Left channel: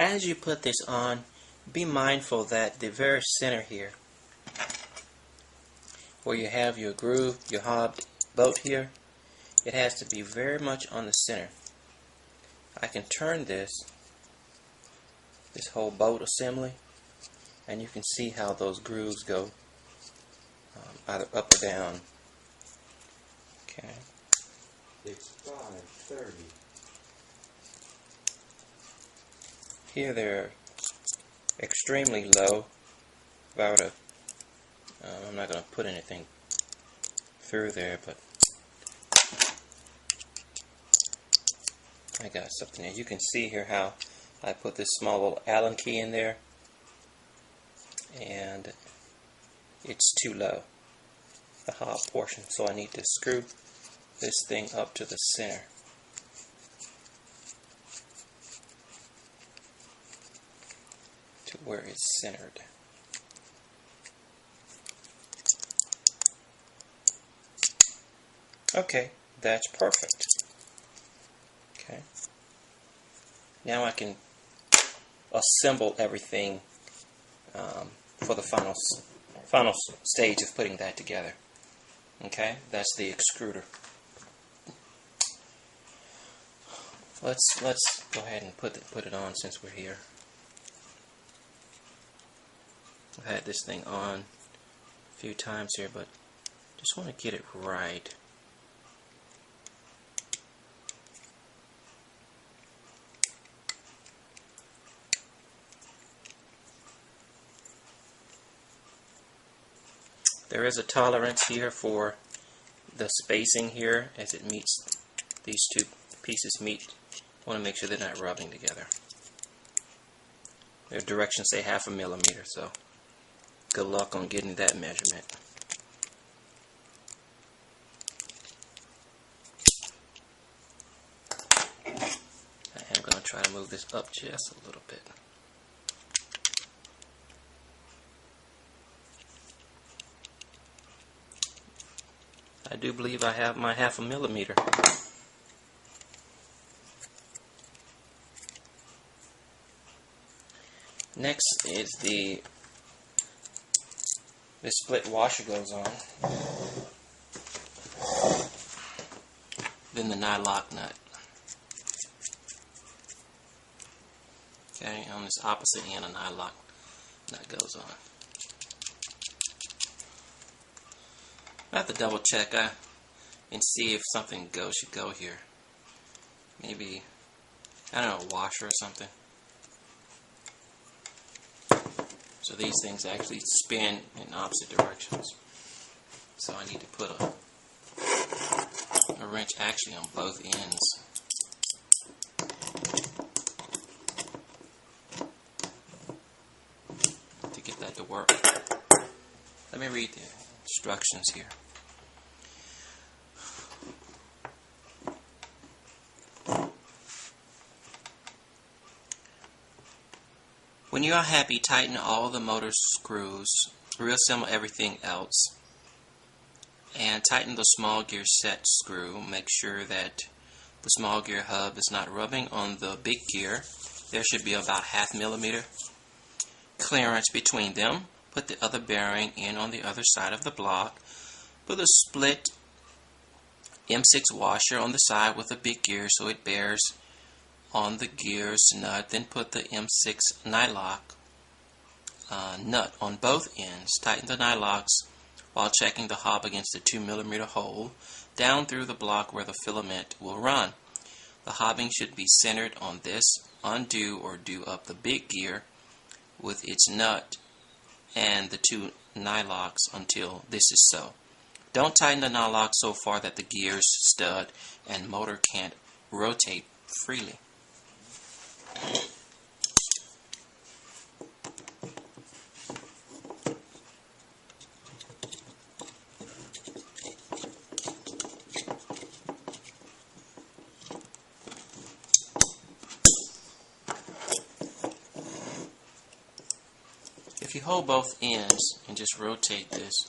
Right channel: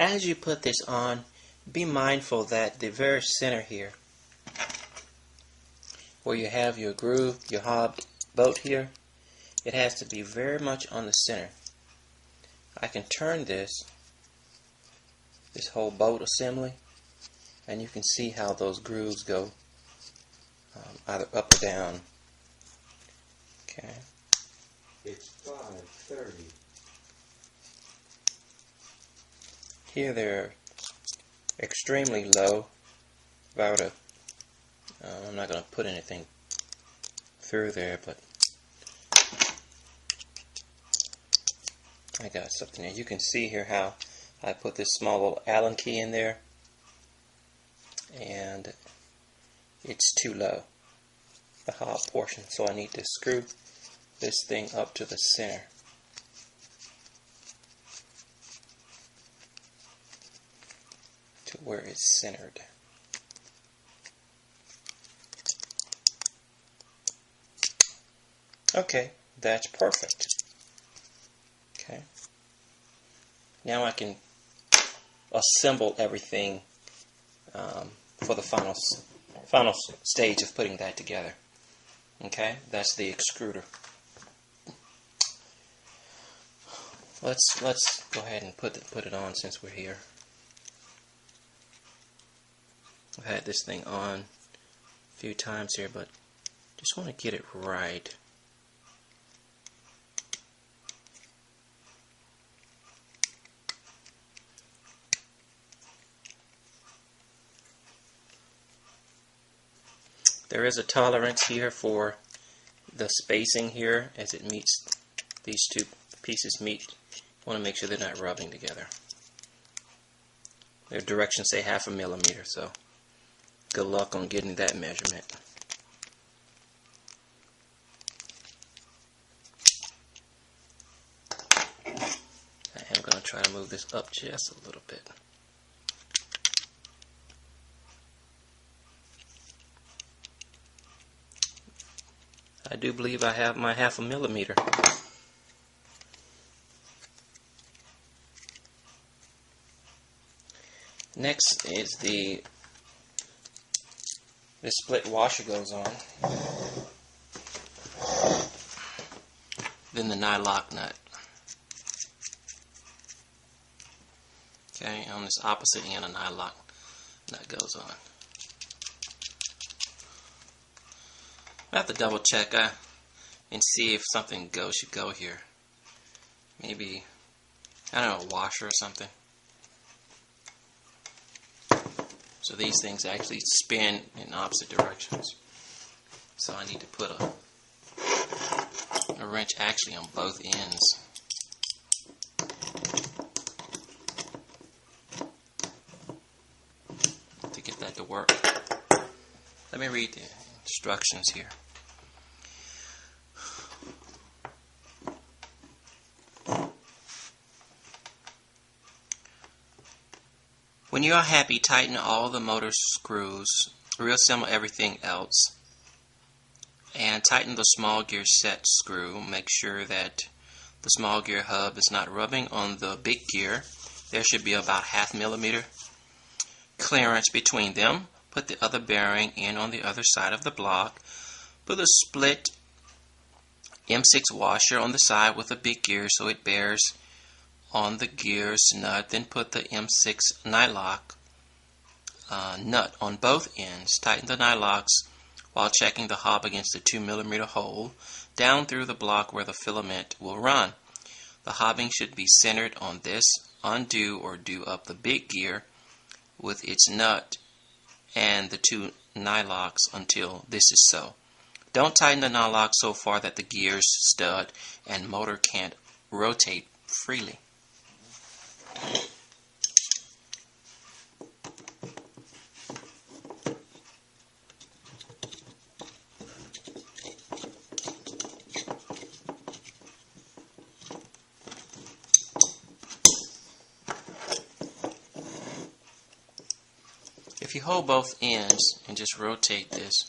As you put this on, be mindful that the very center here, where you have your groove, your hobbed bolt here, it has to be very much on the center. I can turn this whole bolt assembly, and you can see how those grooves go either up or down. Okay. It's 5:30. Here they're extremely low. About a, I'm not going to put anything through there, but I got something there. You can see here how I put this small little Allen key in there, and it's too low, the hob portion, so I need to screw this thing up to the center. To where it's centered. Okay, that's perfect. Okay. Now I can assemble everything for the final stage of putting that together. Okay, that's the extruder. Let's go ahead and put it on since we're here. I've had this thing on a few times here, but just want to get it right. There is a tolerance here for the spacing here as it meets, these two pieces meet. I want to make sure they're not rubbing together. Their directions say 1/2 millimeter, so good luck on getting that measurement. I am going to try to move this up just a little bit. I do believe I have my 1/2 millimeter. Next is the split washer goes on. Then the nylock nut. Okay, on this opposite end, a nylock nut goes on. I have to double check and see if something should go here. Maybe, I don't know, a washer or something. So these things actually spin in opposite directions. So I need to put a wrench actually on both ends. To get that to work. Let me read the instructions here. When you are happy, tighten all the motor screws, reassemble everything else, and tighten the small gear set screw. Make sure that the small gear hub is not rubbing on the big gear. There should be about 1/2 millimeter clearance between them. Put the other bearing in on the other side of the block. Put a split M6 washer on the side with the big gear so it bears on the gear's nut. Then put the M6 nylock nut on both ends. Tighten the nylocks while checking the hob against the 2 millimeter hole down through the block where the filament will run. The hobbing should be centered on this. Undo or do up the big gear with its nut and the 2 nylocks until this is so. Don't tighten the nylock so far that the gear's stud and motor can't rotate freely. If you hold both ends and just rotate this,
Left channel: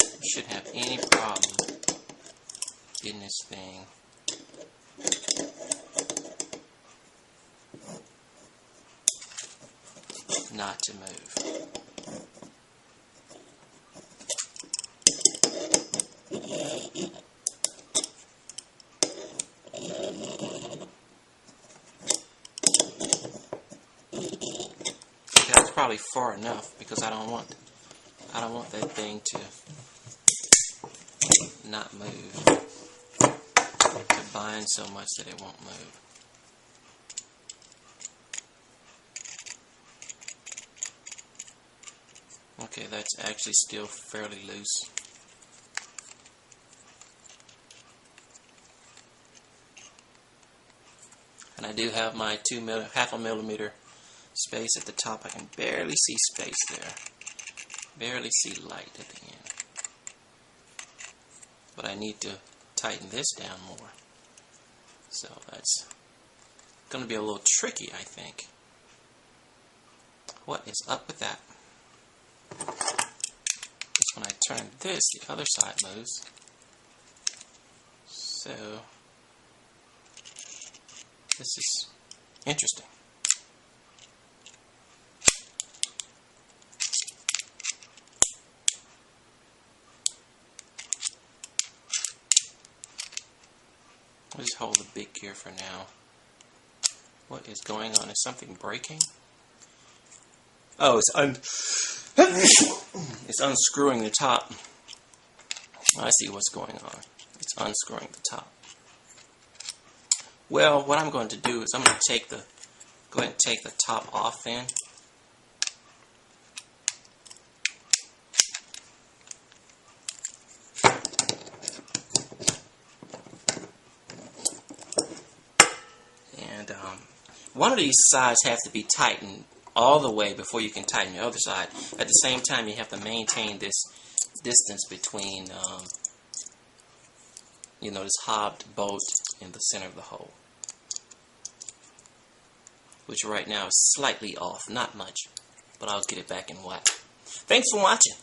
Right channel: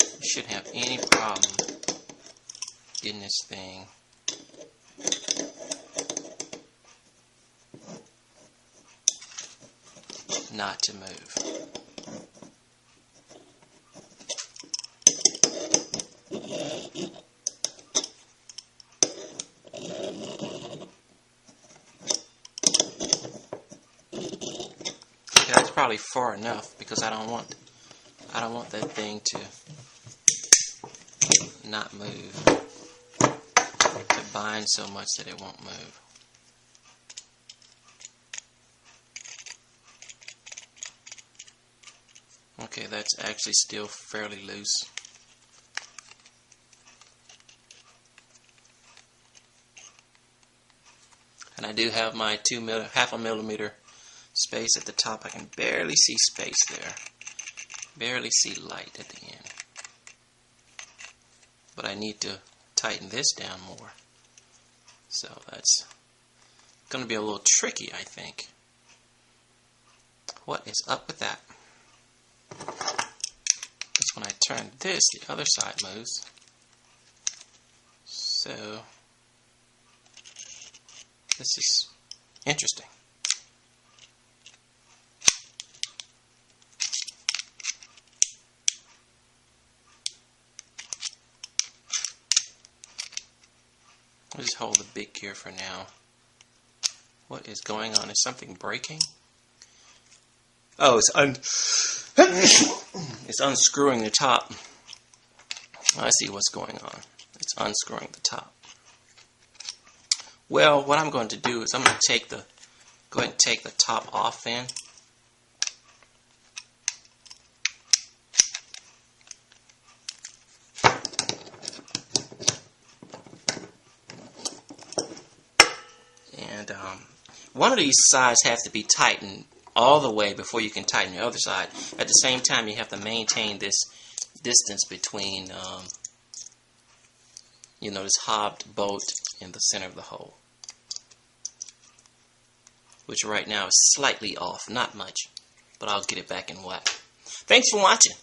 you shouldn't have any problem getting this thing not to move. Okay, that's probably far enough because I don't want that thing to not move, to bind so much that it won't move. Okay, that's actually still fairly loose. And I do have my half a millimeter space at the top. I can barely see space there. Barely see light at the end. But I need to tighten this down more. So that's going to be a little tricky, I think. What is up with that? Because when I turn this, the other side moves. So this is interesting. I'll just hold the big gear for now. What is going on? Is something breaking? Oh, it's unscrewing the top. I see what's going on. It's unscrewing the top. Well, what I'm going to do is I'm going to go ahead and take the top off then. And one of these sides has to be tightened all the way before you can tighten the other side. At the same time, you have to maintain this distance between, this hobbed bolt in the center of the hole, which right now is slightly off, not much, but I'll get it back in whack. Thanks for watching.